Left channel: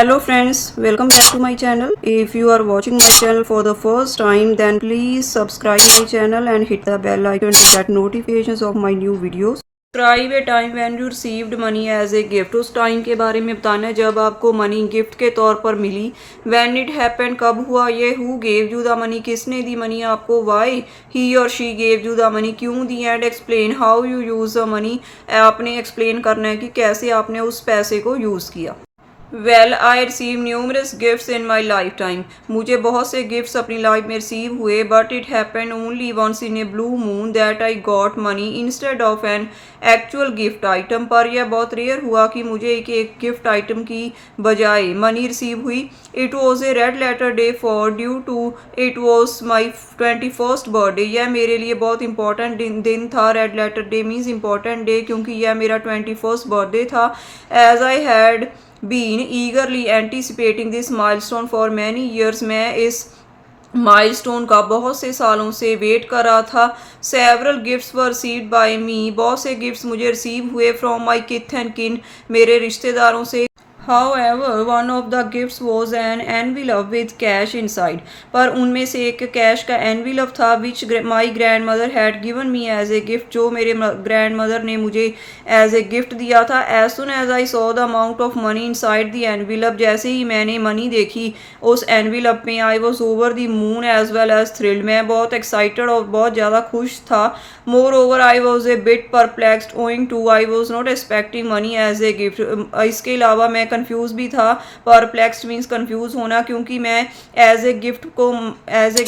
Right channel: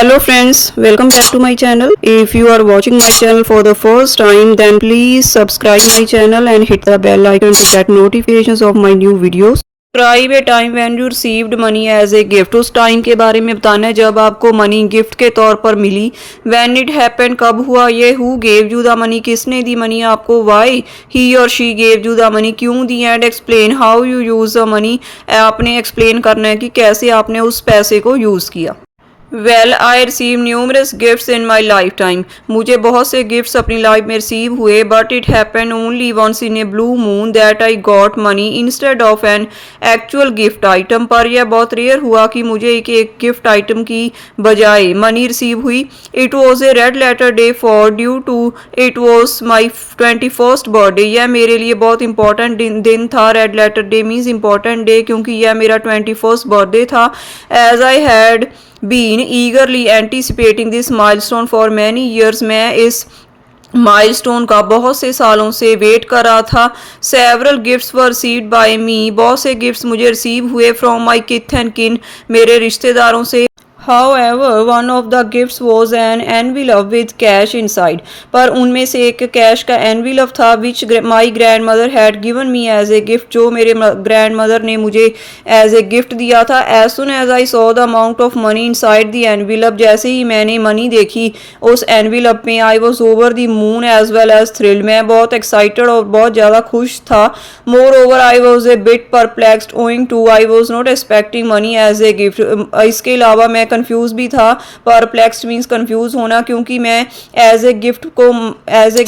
Hello friends, welcome back to my channel. If you are watching my channel for the first time, then please subscribe my channel and hit the bell icon to get notifications of my new videos. Describe a time when you received money as a gift. उस time के बारे में बताना है जब आपको money gift के तौर पर मिली. When it happened, कब हुआ ये. Who gave you the money, किसने दी मनी आपको. Why he or she gave you the money, क्यों दी. And explain how you use the money, आपने एक्सप्लेन करना है कि कैसे आपने उस पैसे को यूज़ किया. Well I receive numerous gifts in my life time. मुझे बहुत से गिफ्ट्स अपनी लाइफ में रिसीव हुए, but it happen only once in a blue moon that I got money instead of an actual gift item. पर यह बहुत rare हुआ कि मुझे एक गिफ्ट आइटम की बजाय मनी रिसीव हुई. It was a red letter day for due to it was my 21st birthday. यह मेरे लिए बहुत इंपॉर्टेंट दिन था. Red letter day means important day क्योंकि यह मेरा 21st बर्थडे था. As I had been eagerly anticipating this milestone for many years. मैं इस माइलस्टोन का बहुत से सालों से वेट कर रहा था. Several gifts were received by me. बहुत से गिफ्ट्स मुझे रिसीव हुए फ्रॉम माई किथ एंड किन, मेरे रिश्तेदारों से. However, one of the gifts was an envelope with cash inside. पर उनमें से एक कैश का envelope था which my grandmother had given me as a gift, जो मेरे grandmother ने मुझे as a gift दिया था. As soon as I saw the amount of money inside the envelope, जैसे ही मैंने मनी देखी उस envelope में, I was over the moon as well as thrilled. मैं बहुत excited और बहुत ज़्यादा खुश था. Moreover, I was a bit perplexed owing to I was not expecting money as a gift. इसके अलावा मैं कंफ्यूज भी था. परप्लेक्स्ड मीन्स कंफ्यूज होना, क्योंकि मैं एज ए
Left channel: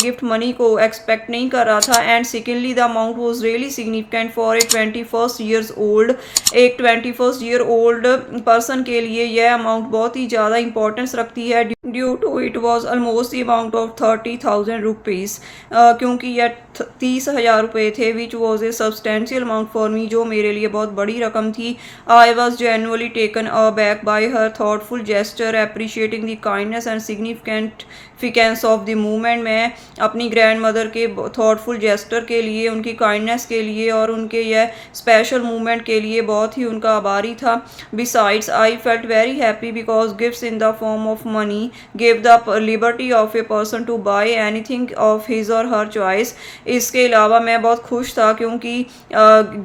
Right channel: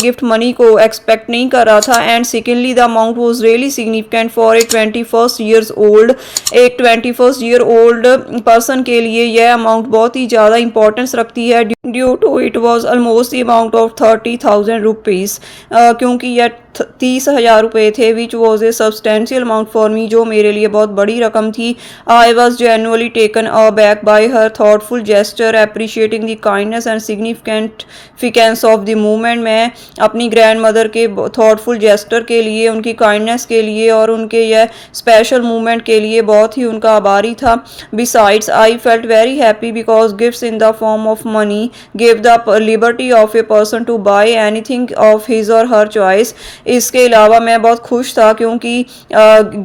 गिफ्ट मनी को एक्सपेक्ट नहीं कर रहा था. And secondly the amount was really significant for a 21st years old. एक 21st ईयर ओल्ड पर्सन के लिए यह अमाउंट बहुत ही ज़्यादा इंपॉर्टेंस रखती है. Due to it was almost the amount of 30,000 rupees, क्योंकि यह 30,000 रुपये थे. Which was a substantial amount for me, जो मेरे लिए बहुत बड़ी रकम थी. I was genuinely taken aback by her thoughtful gesture, appreciating the kindness and significance of the movement. मैं अपनी ग्रैंड मदर के thoughtful gesture के लिए, उनकी kindness के लिए और उनके यह special movement के लिए बहुत ही उनका आभारी था. Besides, I felt very happy because gifts in the form of money gave the liberty of a person to buy anything of his or her choice. इसके अलावा मैं बहुत खुश था क्योंकि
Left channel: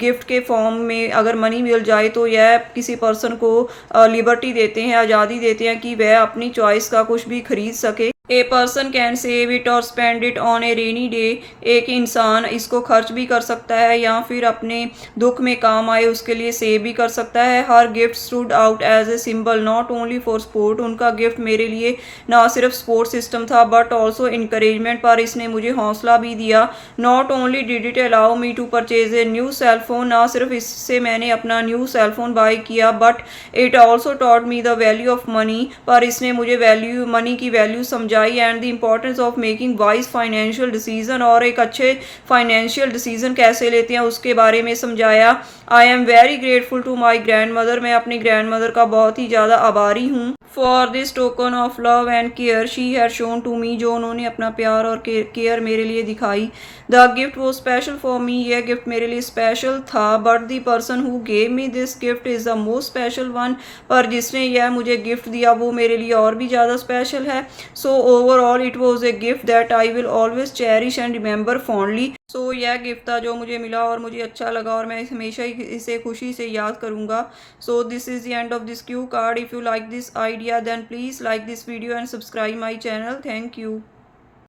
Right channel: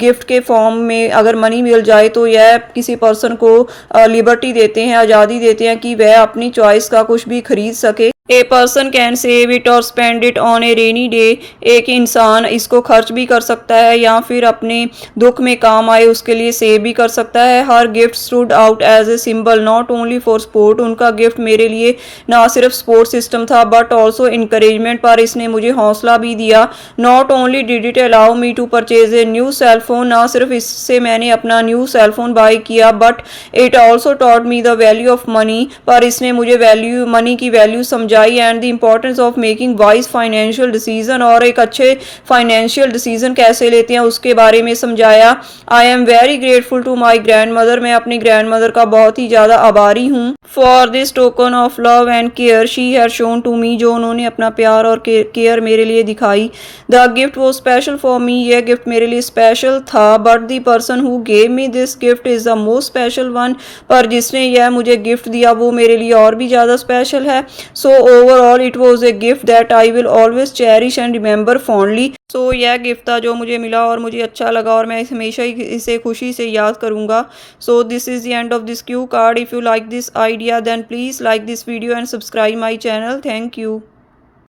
गिफ्ट के फॉर्म में अगर मनी मिल जाए तो यह किसी पर्सन को लिबर्टी देते हैं, आज़ादी देते हैं कि वह अपनी चॉइस का कुछ भी खरीद सके. A person can save it और spend it on a rainy day. एक इंसान इसको खर्च भी कर सकता है या फिर अपने दुख में काम आए उसके लिए सेव भी कर सकता है. हर gift stood out as a symbol not only for support. उनका गिफ्ट मेरे लिए ना सिर्फ स्पोर्ट सिस्टम था बट ऑल्सो इंकरेजमेंट, पर इसने मुझे हौसला भी दिया. Not only did it allow me to purchase a new cell phone. ना सिर्फ इससे मैंने अपना न्यू सेल फोन बाय किया but it also taught me the value of money. पर इसने मुझे मनी की वैल्यू समझाई and the importance of making wise financial decision, और एक अच्छे फाइनेंशियल डिसीजन कैसे लेते हैं उसके बारे में समझाया. I am very grateful to my grandmother. मैं अपनी ग्रैंड मदर का बहुत ही ज़्यादा आभारी हूँ. For this token of love and care she had shown to me, जो उन्होंने अपना प्यार और केयर मेरे लिए दिखाई. The gift was special for me. यह गिफ्ट मेरे लिए स्पेशल था but the person who gave me this gift is the most special one. पर जिसने यह मुझे गिफ्ट दिया वो मेरे लिए और भी ज़्यादा स्पेशल है. So overall it was a gift that I will always cherish and remember fondly. So यह गिफ्ट था जो मुझे मिला और मुझे अच्छा लगा और मैं हमेशा ही इसे खुशी से याद करूँगा. So this is the end of this Q card. If you like this idea then please like this video and subscribe my channel. Thank you.